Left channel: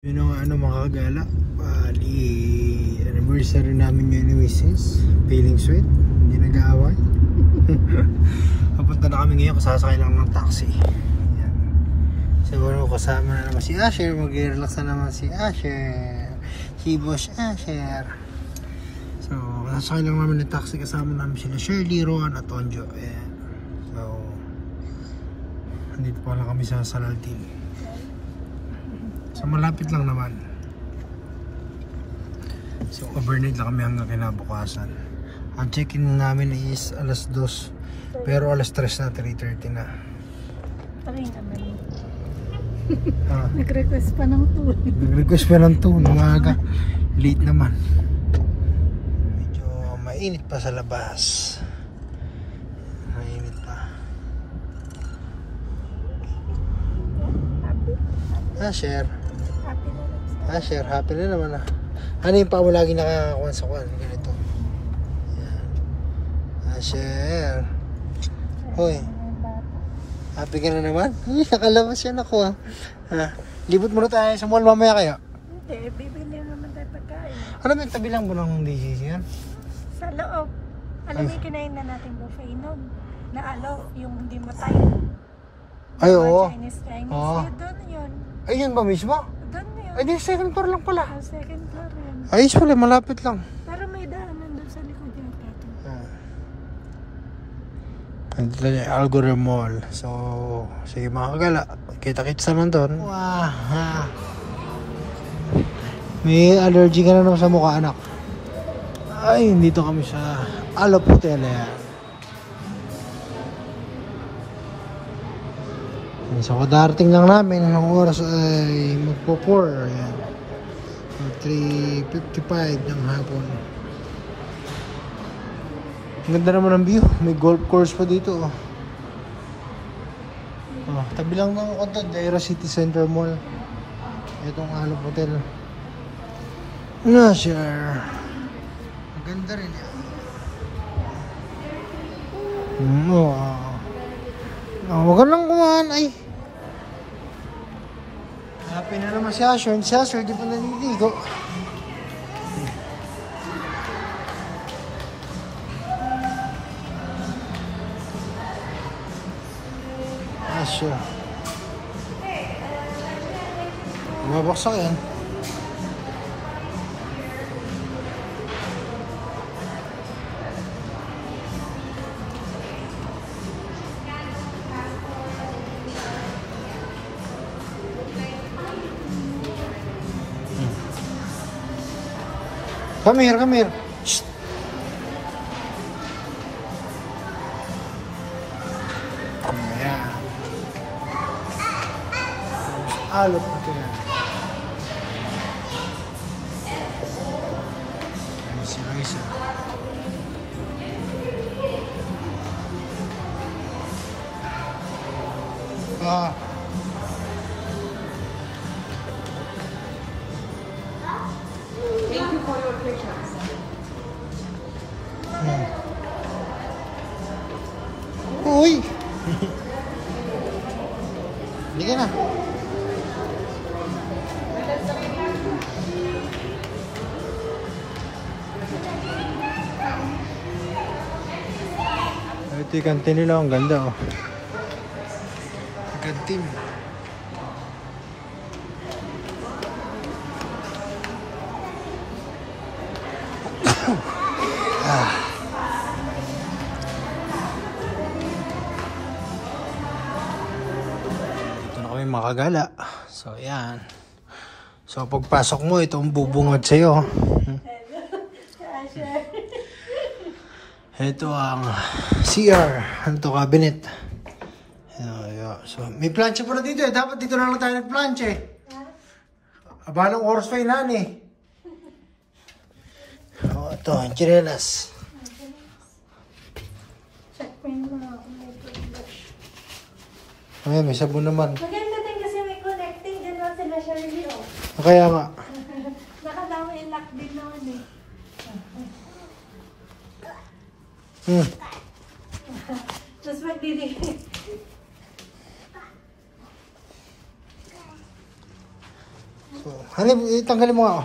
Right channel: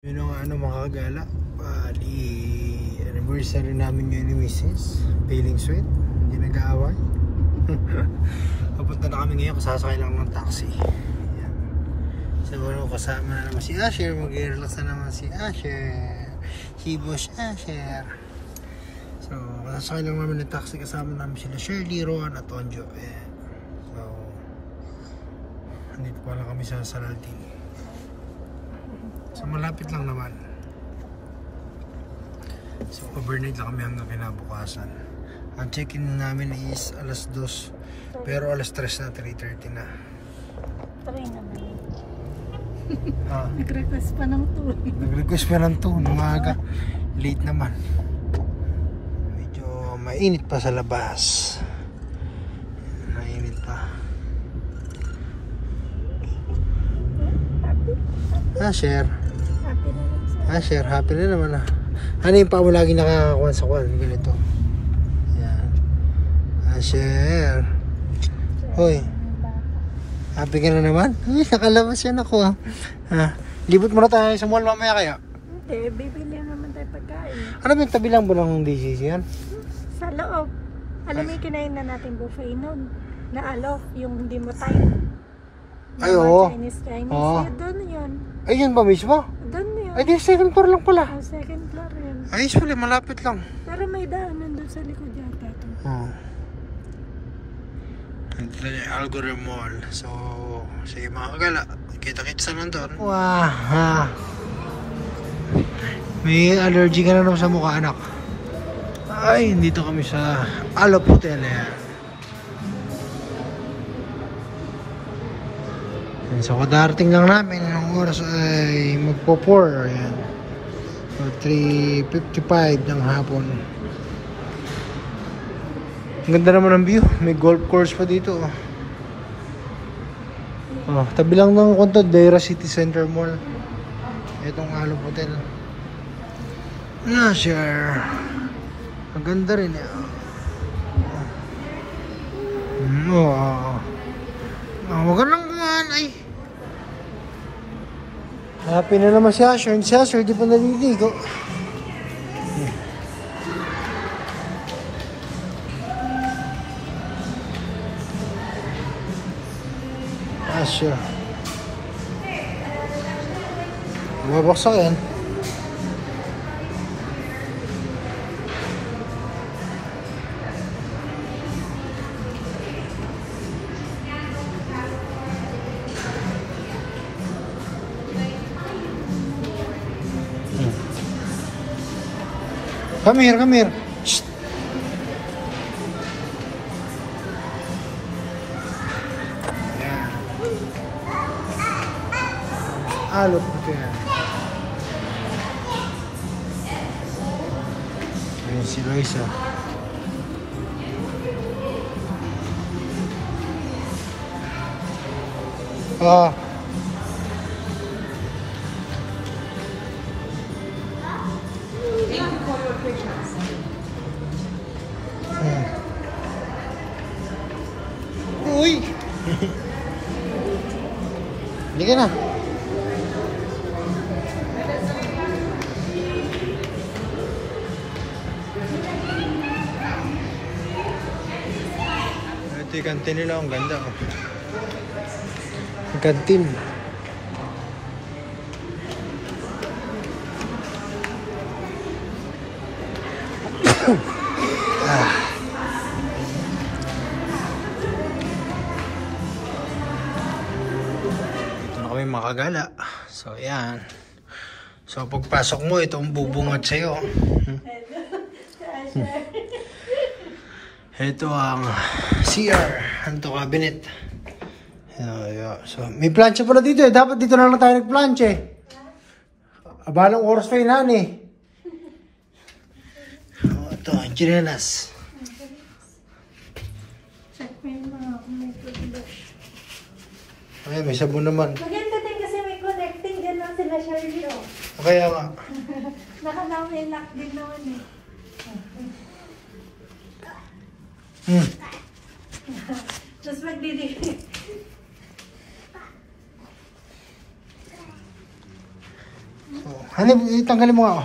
Yun ang mga kagala. Bali, anniversary namin ngayon ni Mrs. Feeling sweet. Hindi nag-aaway. Papunta na kami ngayon. Kasasakay lang ng taxi. Yan. So, kasama na naman si Asher. Mag-relax na naman si Asher. Si Boss Asher. So, kasasakay lang namin ng taxi. Kasama namin sila Shirley, Rowan at Tonjo. Yan. So, nandito pa lang kami sa Salaltin. So malapit lang naman. So overnight lang kami hanggang kinabukasan. Ang check-in namin is alas 2. Pero alas 3 na, 3:30 na. Okay naman. Nag-request pa ng 2. Nag-request pa ng 2 ng maaga. Late naman. Medyo mainit pa sa labas. Mainit pa. Asher. Asher, happy na naman ah. Ano yung pa mo lagi nakakakuha sa kwan? Ganito. Yan. Asher. Hoy. Happy ka na naman? Nakalabas yan ako ah. Libot mo na tayo sa mall mamaya kaya? Bibili naman tayo pagkain. Ano ba yung tabi lang ba ng DCC yan? Sa loob. Alam mo yung kinain na nating buffet nun. Na yung hindi mo time. Ay oo. Chinese. Oo. Doon yun. Ay yun ba mismo? Doon yun. Ay di second floor lang pala. Second floor yun. Ay usually malapit lang. Pero may daanan doon sa likod yata. Andito lang yung Algorithm Mall. So, sige mga kagala. Kita-kita sa nandun. Wow. May allergy ka na naman sa mukha anak. Ay, dito kami sa Alop Hotel. So, kadarating lang namin. Ang oras ay magpo-4. Ayan. So, 3:55 ng hapon. Ang ganda naman ng view. May golf course pa dito. Tabi lang ng konto, Deira City Center Mall. Itong Alop Hotel. Sir. Ang ganda rin. Huwag ka lang kumahan. Ay. Happy na naman si Asher. Si Asher, di pa naliligo. Asher. Bumabaksak yan. Come here. Shh. Alop Hotel. Ayan si Raisa. Uy! Hindi ka na. Ito yung kantin nila. Ang ganda oh. Ang kantin. Makagala. So yan. So pagpasok mo itong bubungad sa iyo. Ito ang CR, hanto cabinet. So may plancha pala dito eh. Dapat dito na lang tayo nagplancha eh. Abalang oras pa yun eh. Ito, chinelas. Check ko yung mga Ay, may sabon naman. sila Shirley, oh. Kaya nga. Nakalaway lock din naman eh. Tapos magdidilig. So, itanggalin mo nga ako.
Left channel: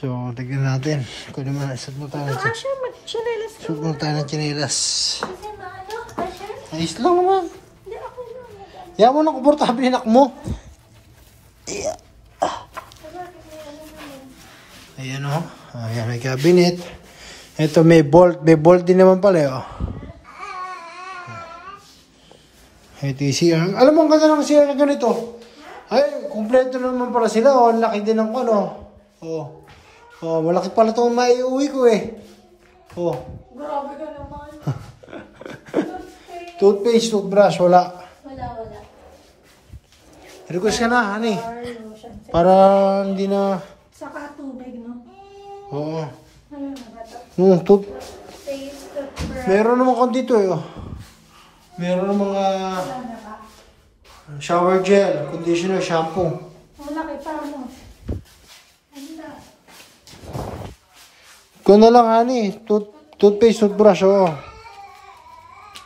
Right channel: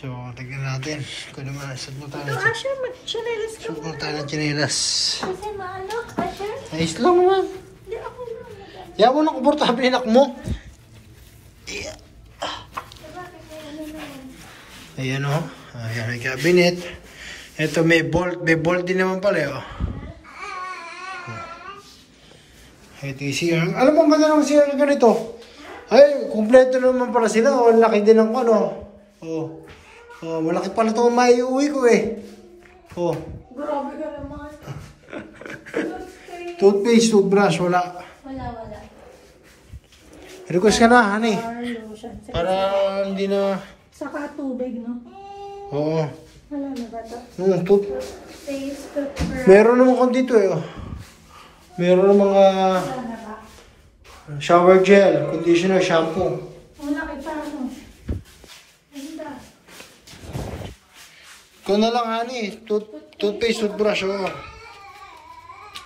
So, tignan natin. Kung naman, suot mo tayo. Asher, mag-chinelas ka. Suot mo tayo ng chinelas. Kasi maano, Asher? Ayos lang naman. Hindi ako lang. Yaman mo na komportable yung mo. Yeah. Ayan o. Ayan, may cabinet. Ito may bolt. May bolt din naman pala o. Ito yung CR. Alam mo, ang ganda ng CR na ganito. Ay, kumpleto naman pala sila. O, ang laki din ng ano. O, malaki pala ito maiuwi ko eh. O. Grabe ka naman. Toothpaste, toothbrush, wala. Wala. Request ka na, honey. Para hindi na... Saka tubig, no? Oo. Wala na ba ito? Meron naman kung dito eh. Meron ng mga shower gel, conditioner, shampoo. Ang laki pa mo. Ito na lang, honey. Toothpaste, toothbrush, oo.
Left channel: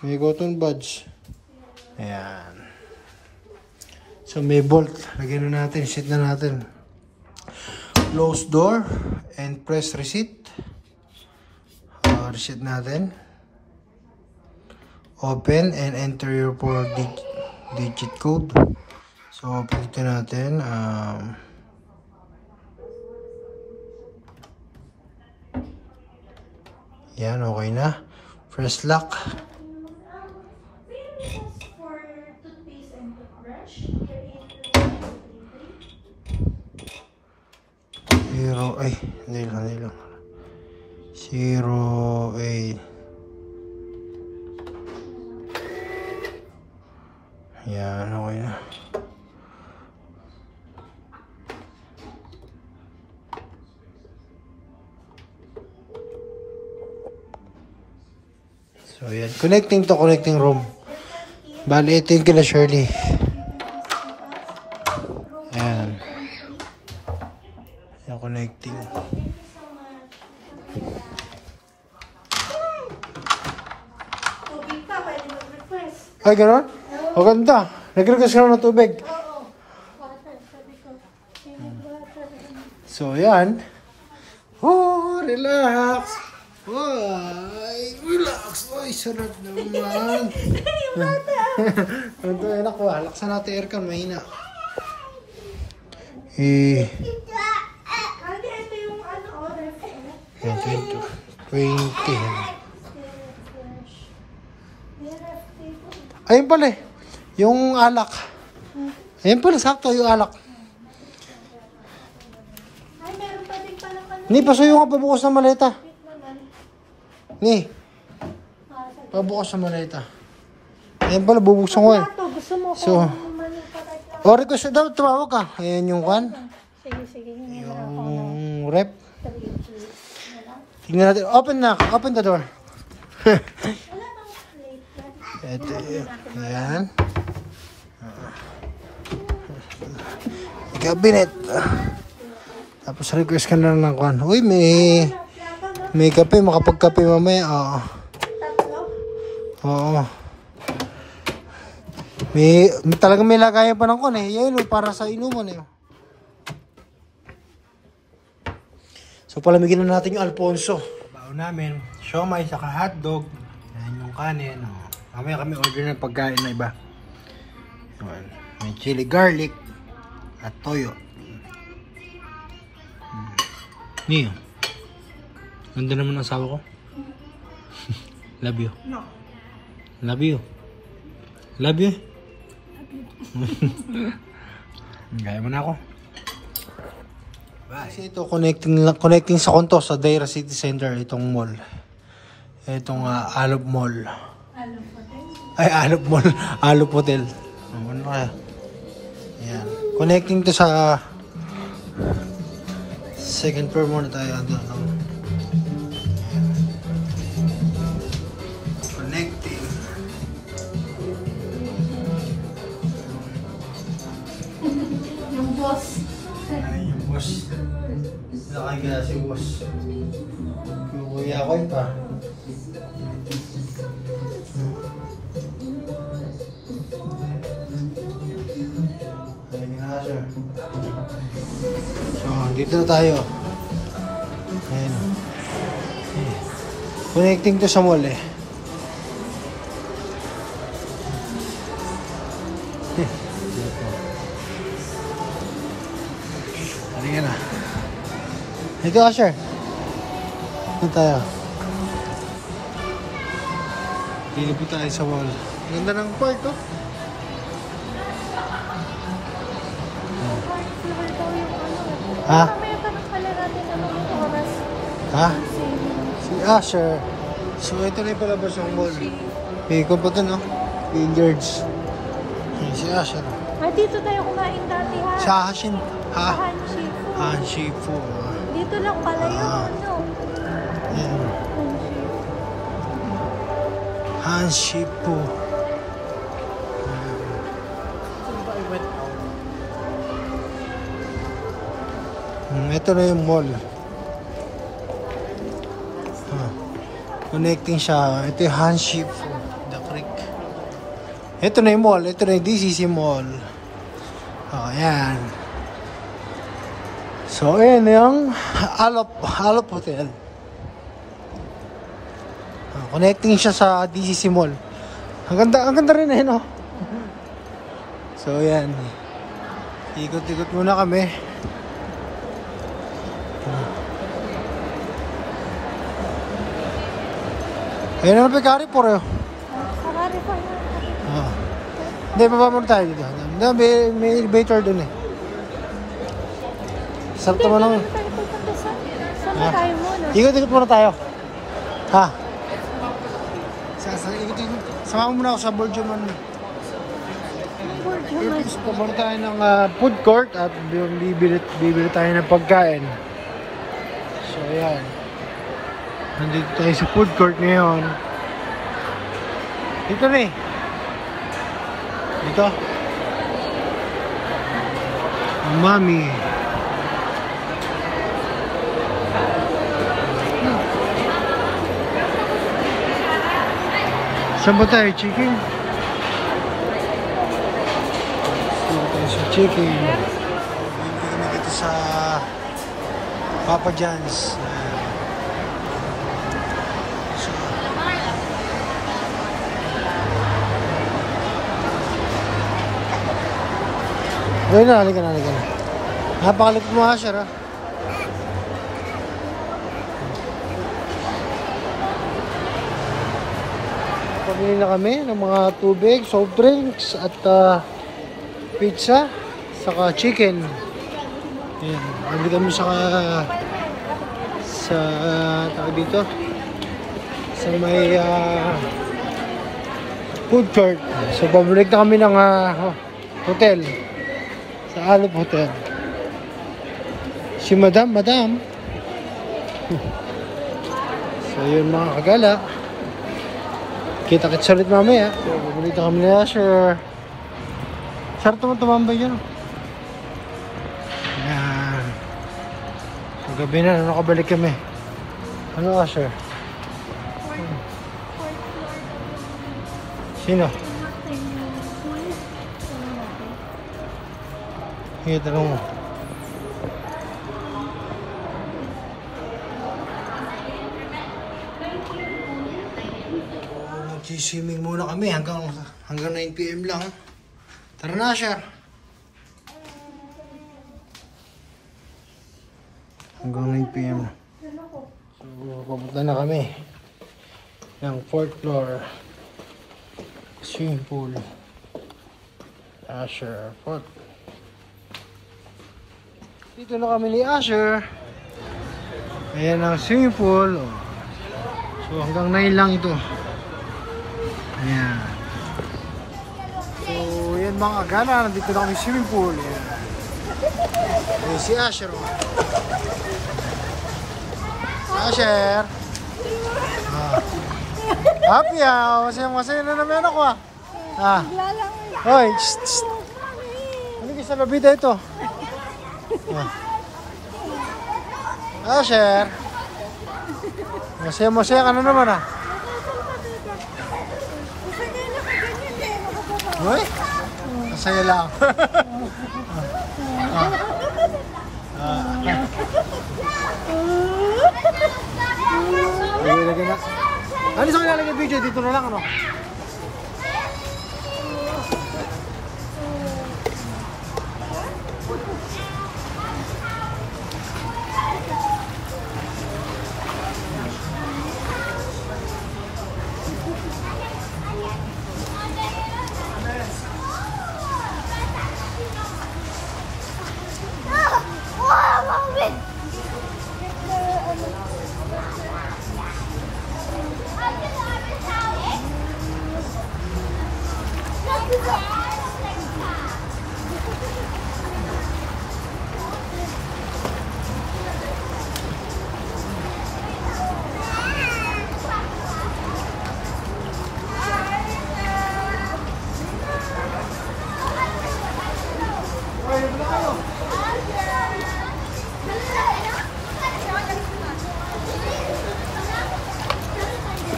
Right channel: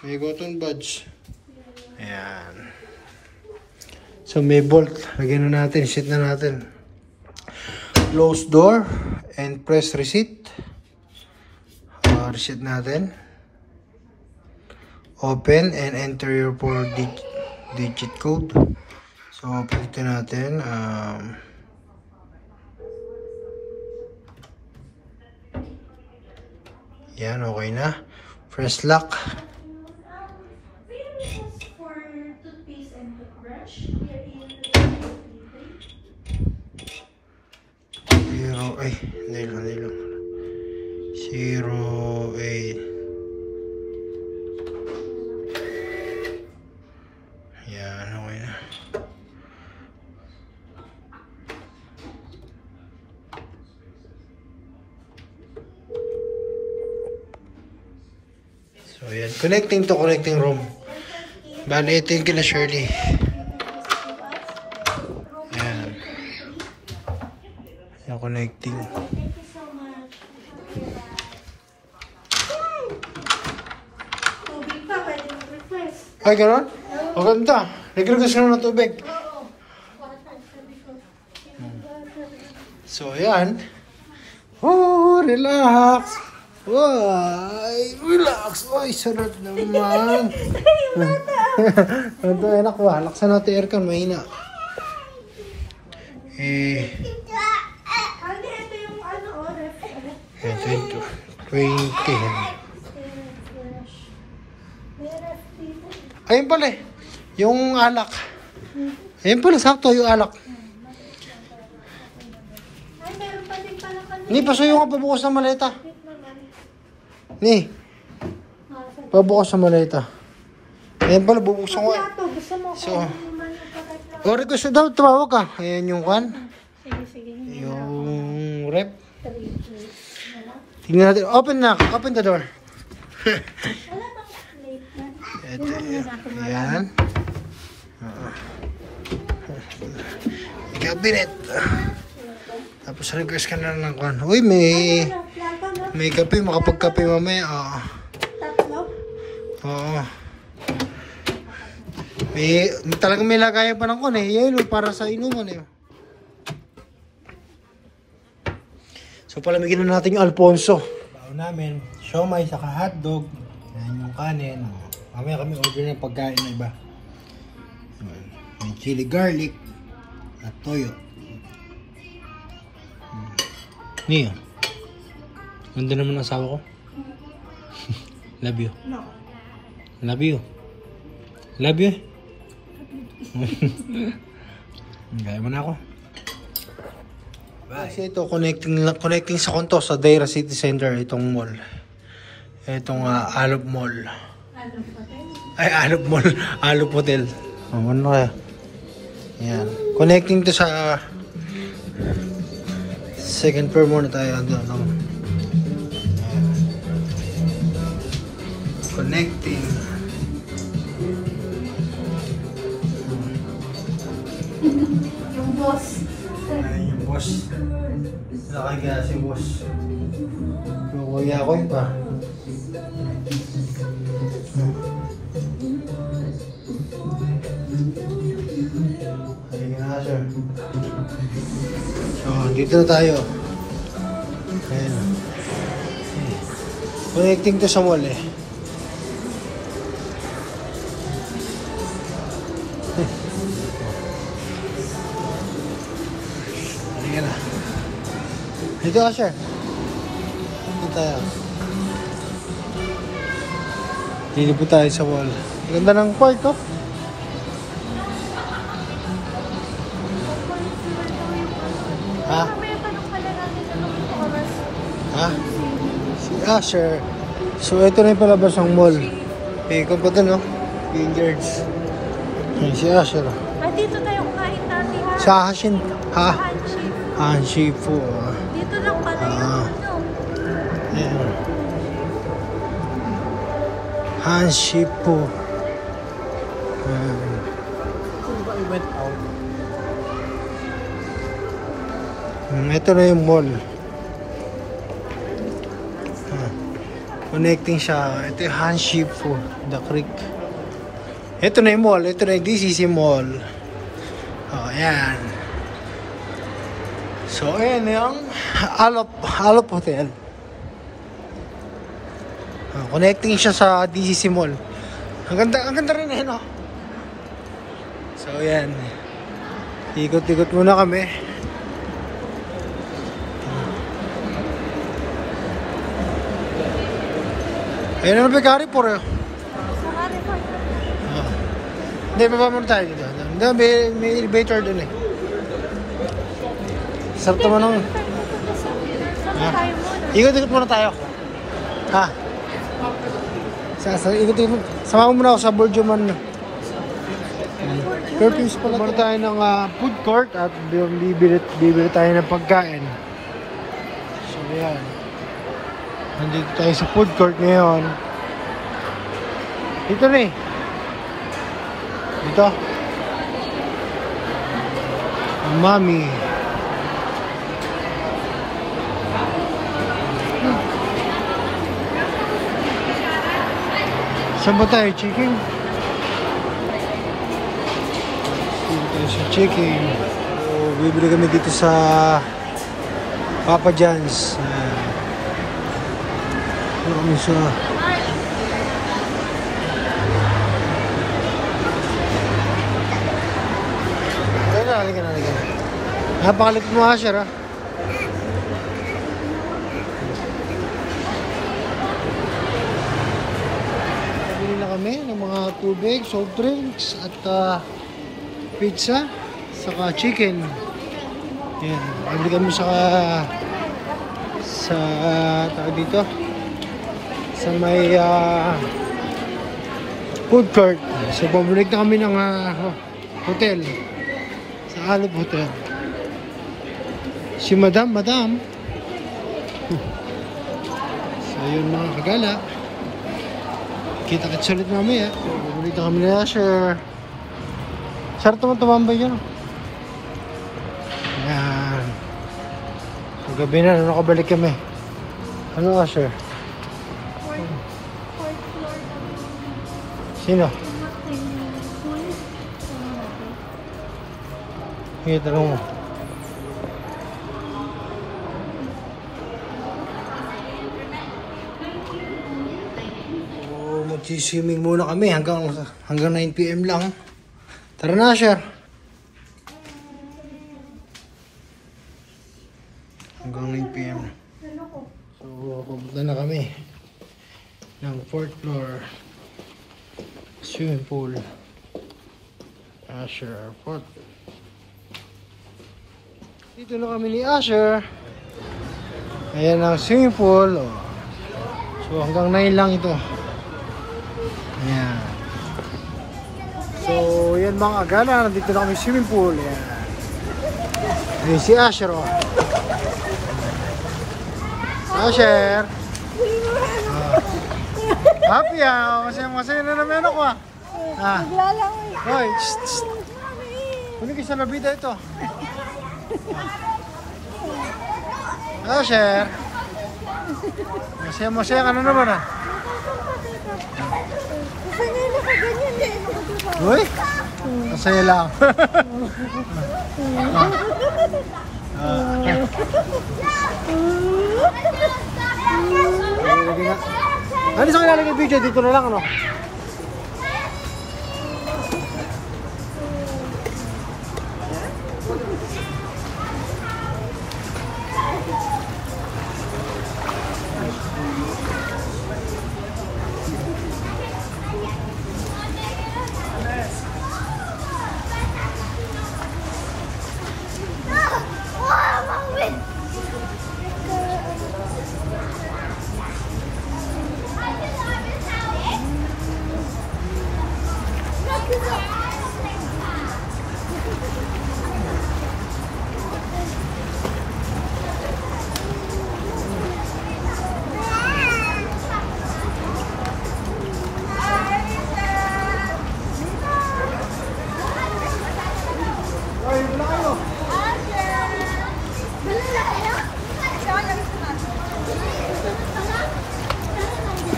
May cotton buds. Ayan. So, may bolt. Lagyan na natin. Set na natin. Close door and press reset. Reset natin. Open and enter your 4-digit code. So, pilitin natin. Yan, okay na. Press lock. Ay, hindi lang. 08. Yan, okay na. So, yan. Connecting to connecting room. Bali, ito yung kila Shirley. Yan. Yan, connecting. Ay, gano'n? O, ganda. Nag-request ka naman ng tubig. So, yan. Oh, relax. Ay, relax. Ay, sarap naman. Ito, anak ko. Laksan natin aircon. Mahina. Ito, 20. Ayun pala eh. Yung alak. Ayun pala, sakto yung alak. Ni, pasuyo ka pabukas sa maleta. Ni, pabukas sa maleta. Ayun pala, bubuksan ko eh. So, request daw, tumawag ka. Ayun yung kan. Sige. Yung rep. Tingnan natin. Open the door. Ito yan. Cabinet. Tapos request ka na lang ng kwan. Uy, may kape. Makapagkape mamaya. Oo. Talagang may lagayan pa ng kwan eh. Yan para sa inuman eh. So palamigin na natin yung Alfonso. Baon namin. Siomay saka hotdog. Yan yung kanin. Mamaya kami order ng pagkain na iba. May chili garlic at toyo. Niyo. Ganda naman ang asawa ko. Love you. No. Love you. Love you. Gaya mo na ako. Bye. Kasi ito connecting sa konto sa Daira City Center itong mall. Itong Alop Mall. Ay, Alop Mall. Alop Hotel. Ano kaya? Yan. Connecting to sa second floor muna tayo. Connecting. Yung boss. Ay, yung boss. Nakagaya si boss. Kukuya ko yun pa. Halika na, sir. So, dito na tayo. Ayan. Connecting to sa mall eh. Halika na. Dito ka, sir. Dito tayo. Dito po tayo sa mall. Ganda ng park, oh. Ha? Ha? Si Asher. So, ito na yung palabas ng mall. Ikaw pa ito, no? Billiards. Ayan, si Asher. Dito tayo kumain dati ha. Sa Hashin. Ha? Hanshi. Hanshi po. Dito lang pala yung Ayan. Hanshi po. Ayan. Ito na yung mall. Connecting siya. Ito yung Hanshi po. The Creek. Ito na yung mall. Ito na yung DCC Mall. Ayan. So, ayan yung Alop Hotel. Connecting siya sa DCC Mall. Ang ganda rin eh, no? So, ayan. Ikot-ikot muna kami. Ayan na may Carrefour eh. Hindi, baba muna tayo dito. May elevator dun eh. Sarap naman ako. Ikot-ikot muna tayo. Ha? Ikot-ikot. Sama ko muna ako sa Borjuman. Perfumes pa muna tayo ng food court at bibili tayo ng pagkain. So, ayan. Nandito tayo sa food court ngayon. Dito na eh. Dito. Mami. Saan ba tayo? Chicken? Dito tayo sa chicken. So, bibili kami dito sa Papa John's. So, ayun na, halika na. Napakalit mo ha, sir, ha? Pabili na kami ng mga tubig, soft drinks, at pizza, saka chicken. Ayan, pabili kami sa tawag dito, sa may food court. So, pabalik na kami ng hotel. Sa Alop Hotel. Si Madam. So, yun mga kagala. Kita-kits ulit mamaya. So, pabalik na kami na Asher. Sarap naman tumambay yun. So, gabi na, nakabalik kami. Ano Asher? Sino? Sige, tanong mo. So, mag-swimming muna kami hanggang 9 PM lang. Tara na siya. Hanggang 9 PM. So, papunta na kami ng 4th floor. Swimming pool. Asher Airport. Dito na kami ni Asher. Ayan ang swimming pool. So hanggang 9 lang ito. Ayan. So yan mga agala. Nandito na kami swimming pool. Ayan. Ayan si Asher. Asher. Happy masaya na naman ako Hoy, ano kayo sa labida ito? Asher. Masaya ka na naman Kasi nga nakaganyan eh. Hoy, Masaya lang. Ano sa nilalagay video? Dito na lang ano?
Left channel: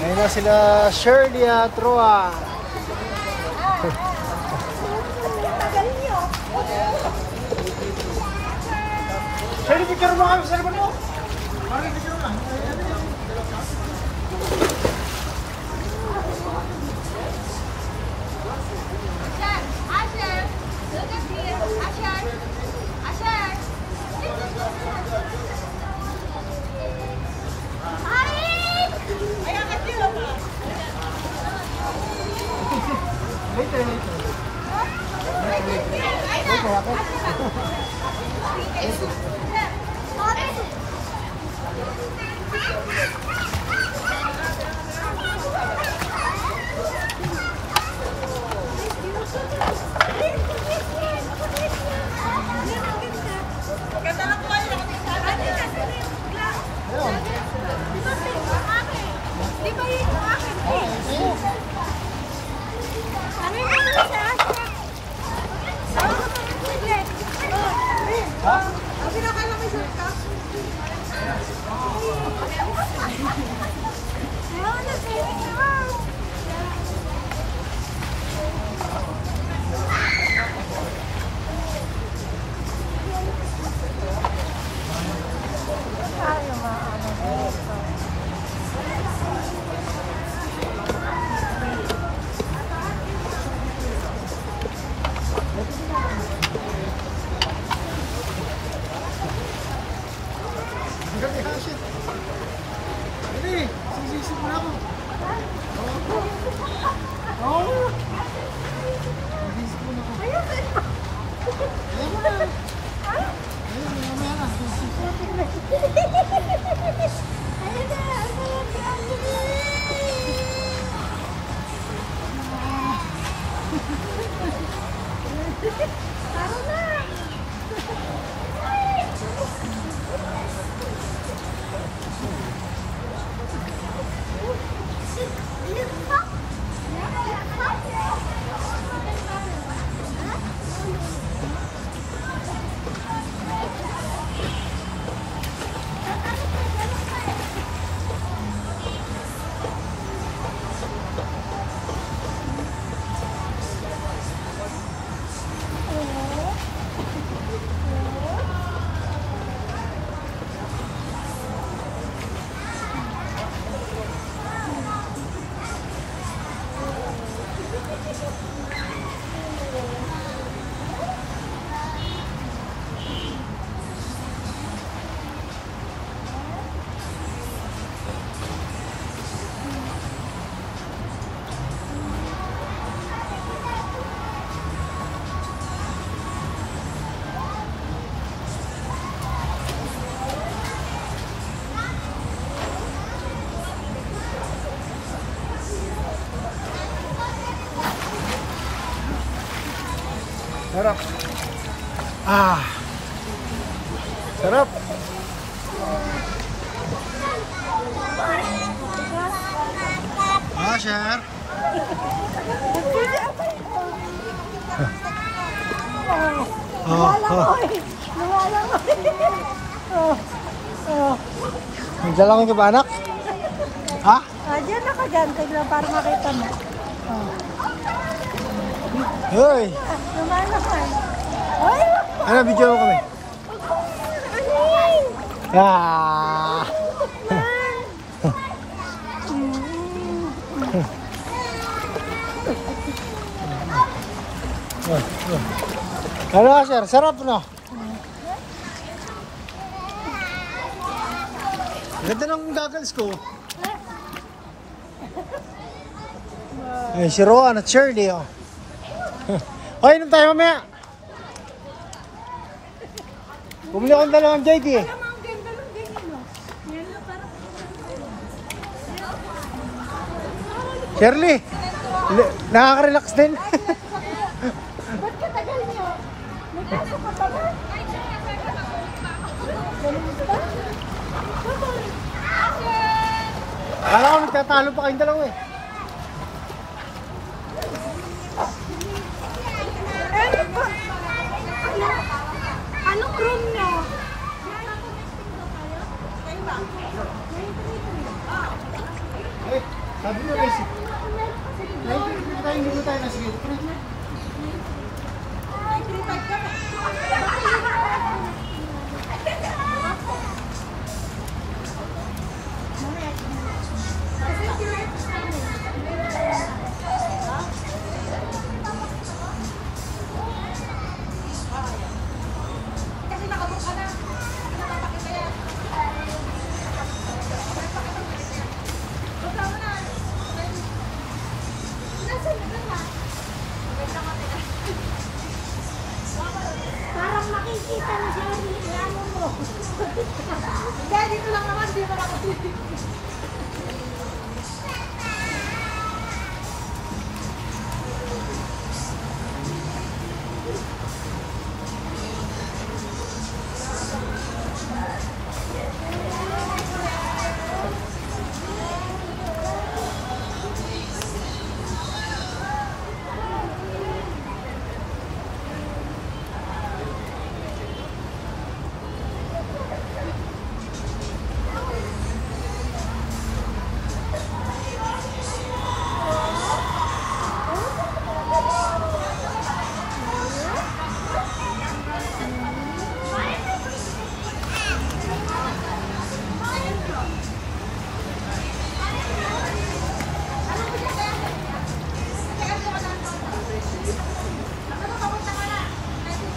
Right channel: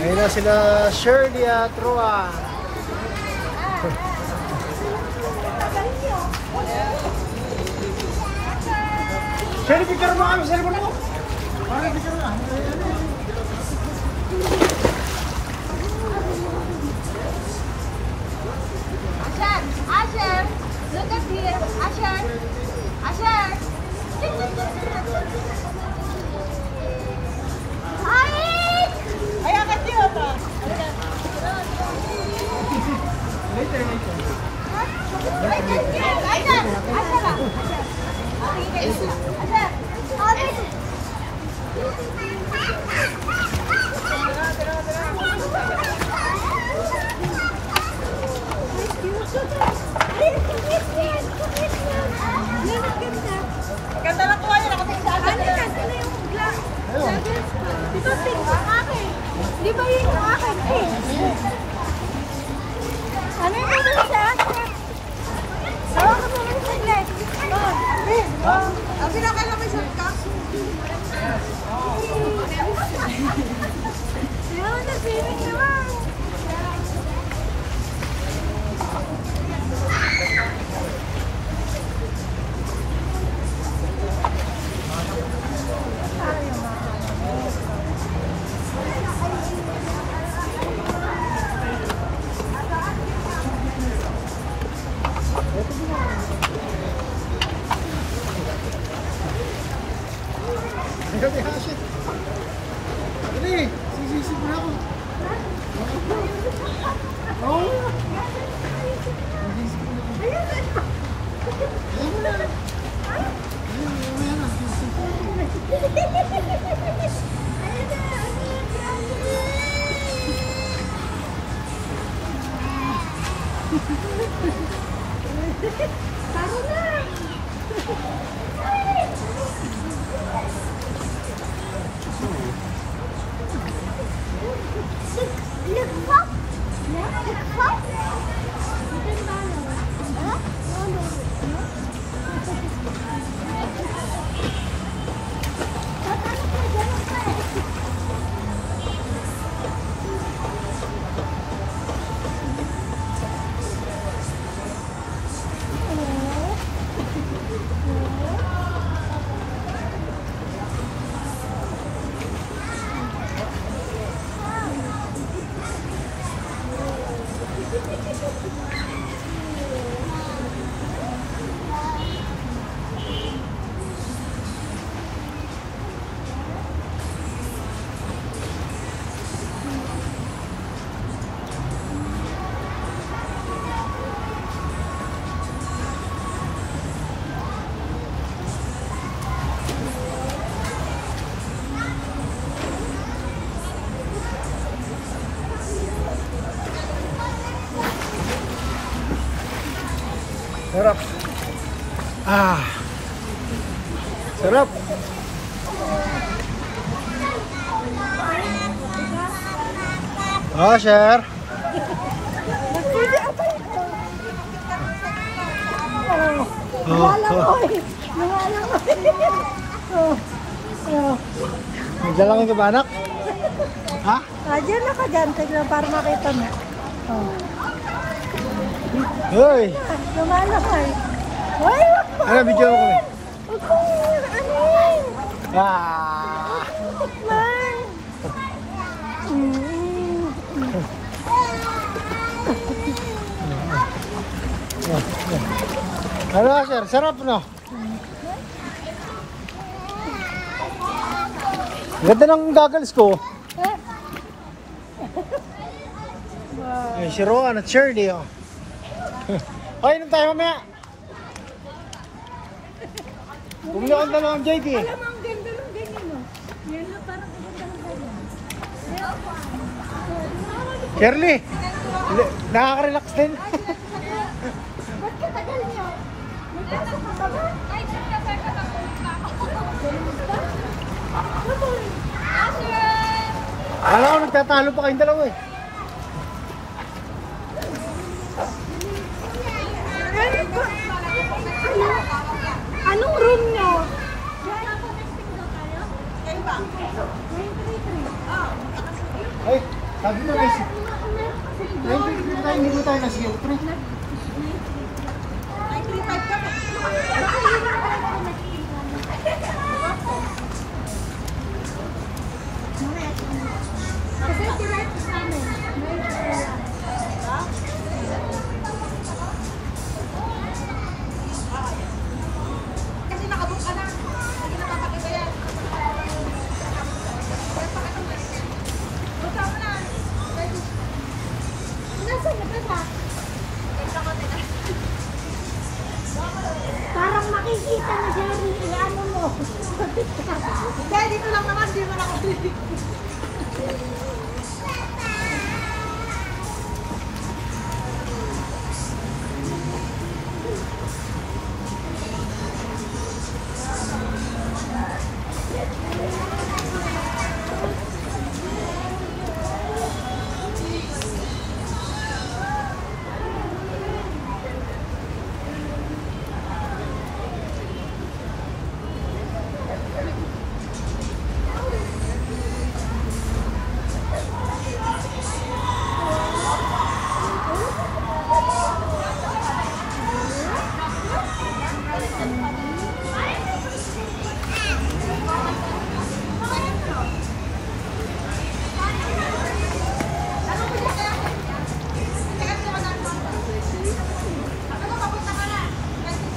Ayun na sila Shirley at Roa. Shirley, picture mo kami sa cellphone mo. Parang picture mo. Ashan! Ashan! Look at me! Ashan! Ashan! Ganda na po kayo. Di ba pink yung akin? Di ba yun yung akin? Ano yung naman sa akin? Oo, kami yung siglet. Kasi nakalaki siya ka. Ayaw na, piling naman. Dali, isip mo na ako. Oo. Isip mo na ako. Ayan mo na. Taro na. Sarap. Sarap. Share. Lumalangoy. Nagdalangoy ka ba, anak? Ha? Diyan na ka dyan. Tignan para makita mo. Hoy! Lumalakay. Ay, wag mo. Ano, video mo kami? Wag mo. Anin. Ah! Man. Ano sir? Sarap no? Ganda ng goggles ko. Ay, si Rowan at Shirley oh. Ay, inom tayo mamaya. Bumili akong dalawang JD eh. Alam mo, ang ganda ng ganyan, no? Yan na, parang Shirley, nakaka-relax din. Akala ko nagtatalo pa kayong dalawa eh. Anong room nyo? Ay, sabi mo kasi. Hindi tayo kasi. Parang makikita mo siya yung ano mo. Kaya dito lang naman, di mo lang ako.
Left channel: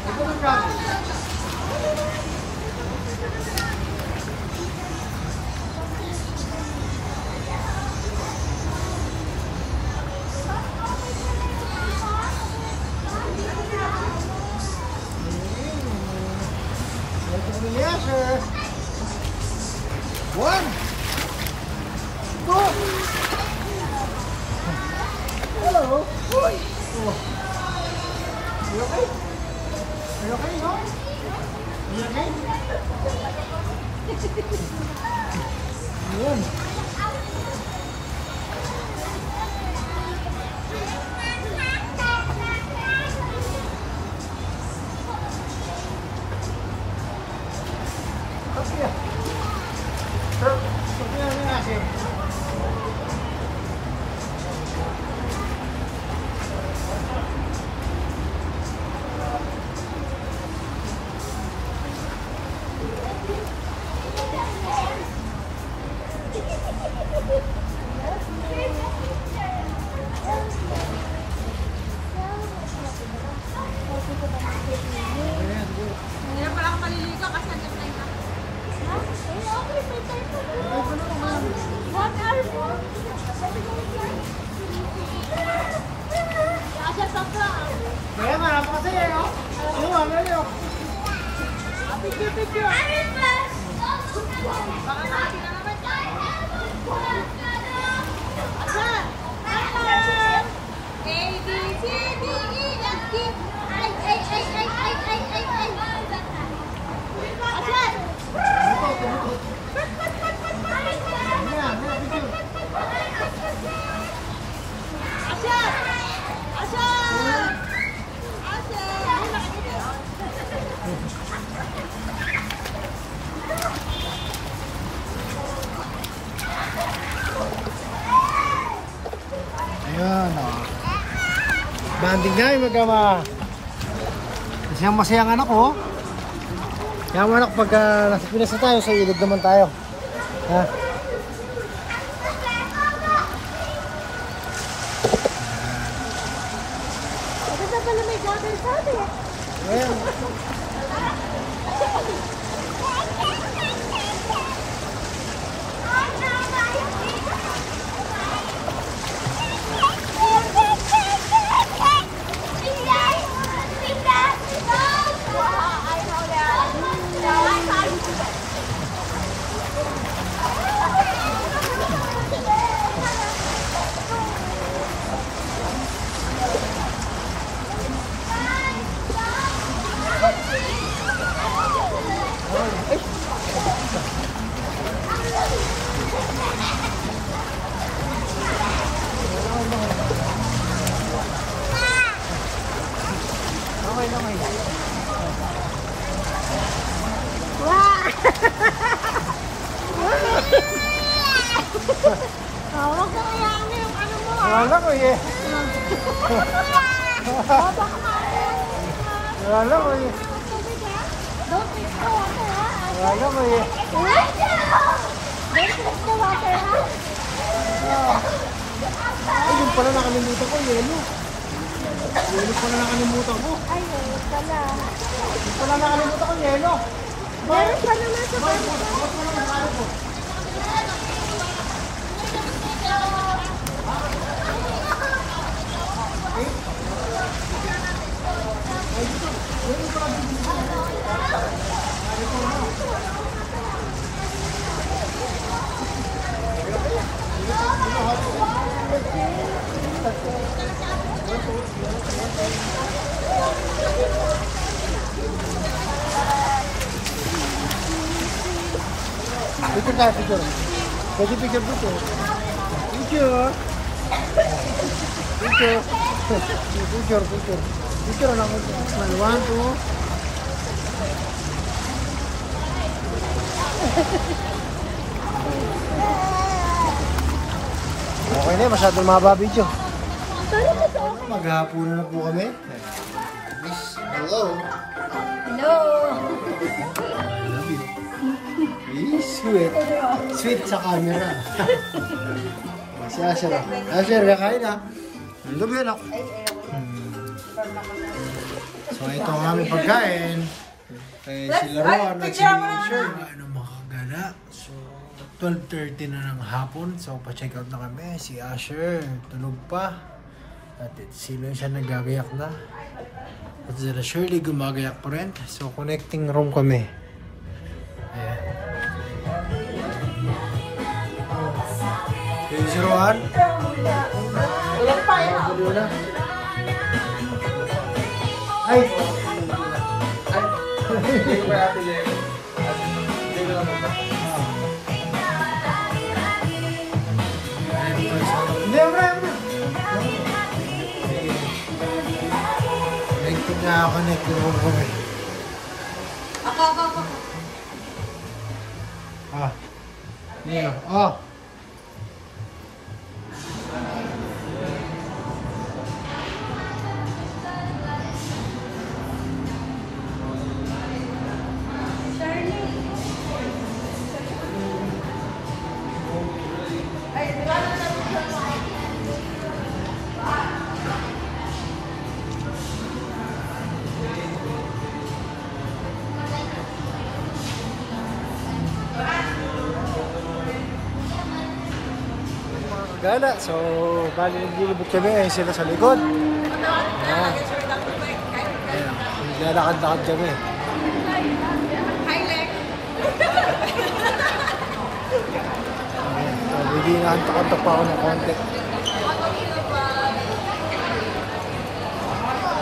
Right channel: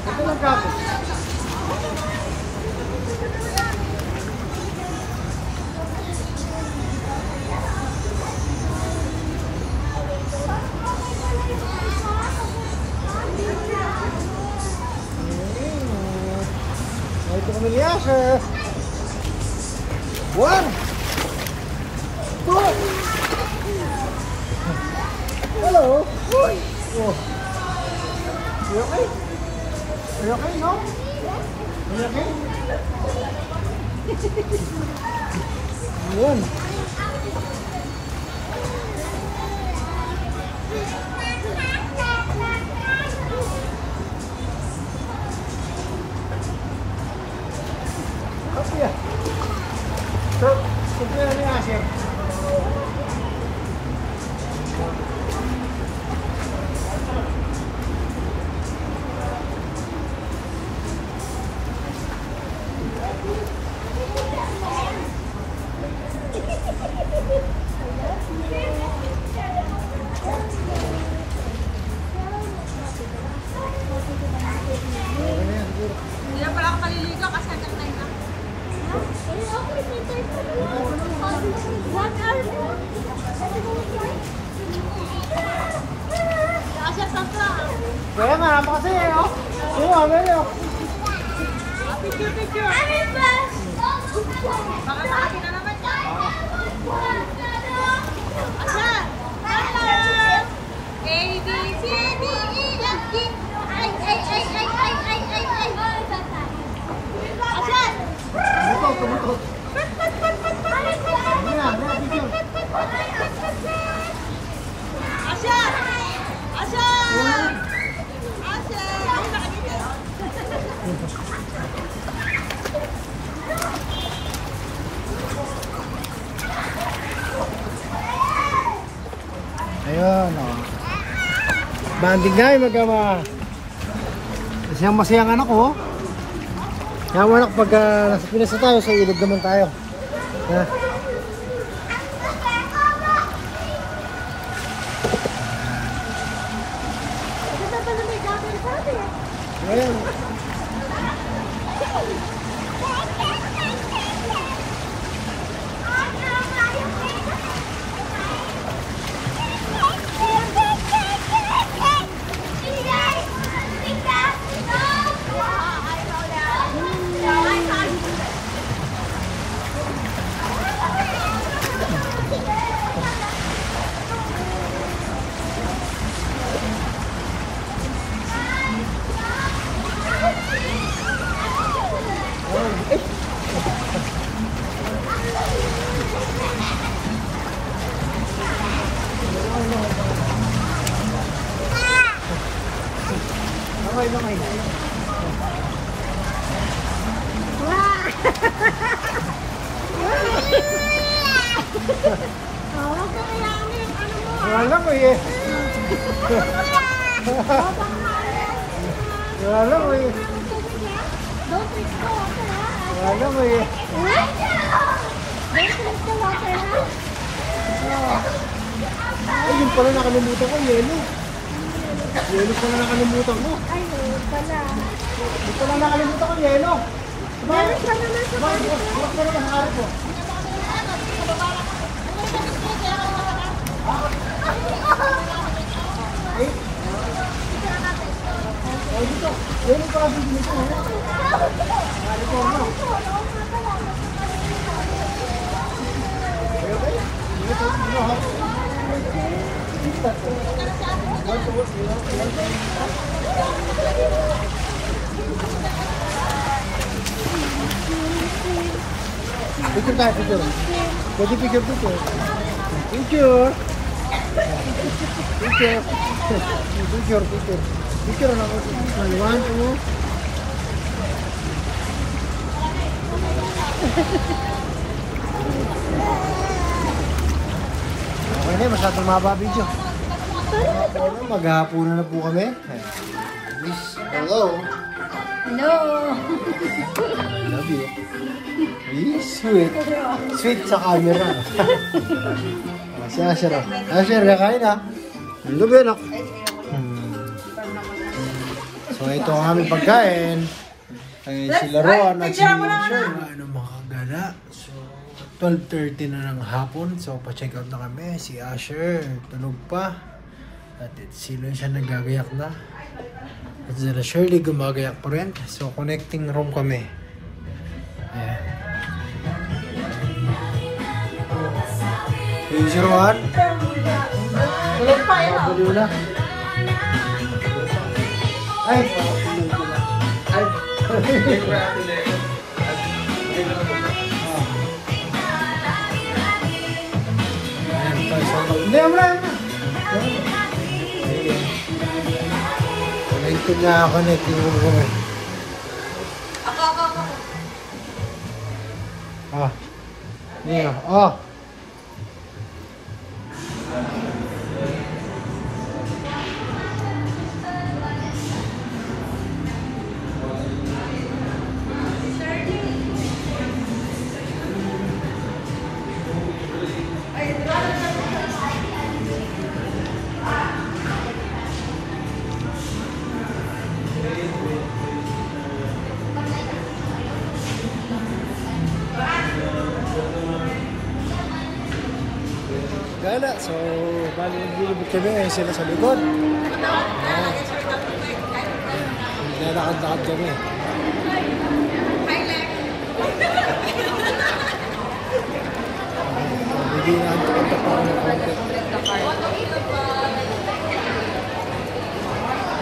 Ito lang gago. Ito kami niya, sir. 1, 2. Hello. Oh. You okay? Are you okay, no? Are you okay? Yun. Happy ah. Sir, sabihin na niya, sir. Okay na yan, siguro. Hindi na pala ako maliligo kasi nandito na yun. What are you? Kaya nga, napakasaya eh, oh. Yung mga meron, oh. A, B, C, D, E, F, G, I, H, I, I, I, I, I, I. Asan? Tumutok, tumutok. Hindi na, video. Asan? Asan? Ayun, oh. Banding na yung mag-ama. Kasi ang masayang anak ko. Kaya mo anak, pag nasa Pinas na tayo, sa ilog naman tayo. Ha? Ayan. Lamay. Wala ko eh. Wala ko eh. Don't mix the water, ha? Wala ko eh. Don't mix the water, ha? Ay, yun pala nakalimutan ko, yelo. Yelo pala nakalimutan ko. Ay, ayun pala. Yun pala nakalimutan ko, yelo. Meron pa naman sa Bukas pa naman harap ko. Ay, dito. Yelo pala bibili ko. Harap ko mo. Picture tayo, picture. Pwede picture dito. Picture. Picture na ako. 1, 2. Okay na, masyadong mga babidyo. Maghahapunan na po kami. Miss, hello. Hello! I love you. Sweet. Sweet sa camera. Si Asher. Asher, kakain na. Lubi na. So ito ang aming pagkain. Ay, sila Ron at si Asher. Ano mga gala. So 12:30 na ng hapon. So pa-check out na kami. Si Asher tulog pa. At sila siya nagagayak na. At sila Shirley gumagayak pa rin. So connecting room kami. Ayan. 301. Tulog pa yun. Ay! Hindi, amra. Connected na ako, connected mo ko eh. Ako. Ah. Niyo. Oh. Gala, so bali naglilibot kami ay sila sa likod. Ayan. Naglalakad-lakad kami. So, hindi naantok-antok pa ako ng konti.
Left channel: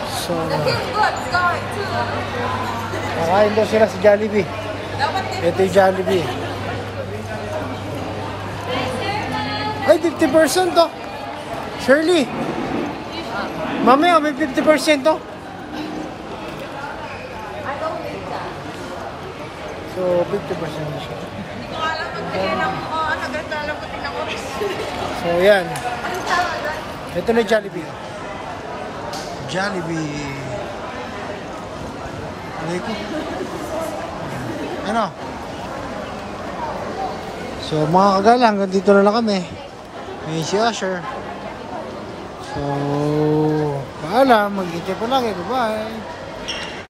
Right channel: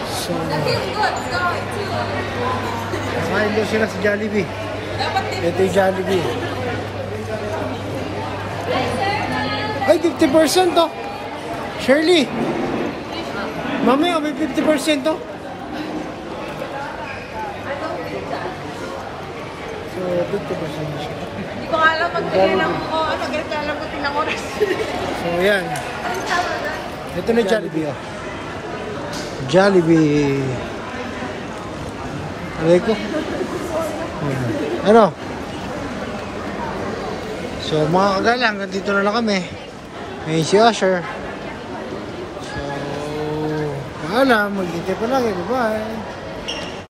So, nakain daw sila sa Jollibee. Ito yung Jollibee. Ay, 50% to. Shirley. Mamaya, may 50% to. So, 50% na siya. So, yan. Ito na Jollibee. Oh. Jollibee. Aray ko. Ano? So mga kagala, hanggang dito na lang kami. Ngayon si Usher. So, paalam, mag-dito pa lagi. Bye-bye.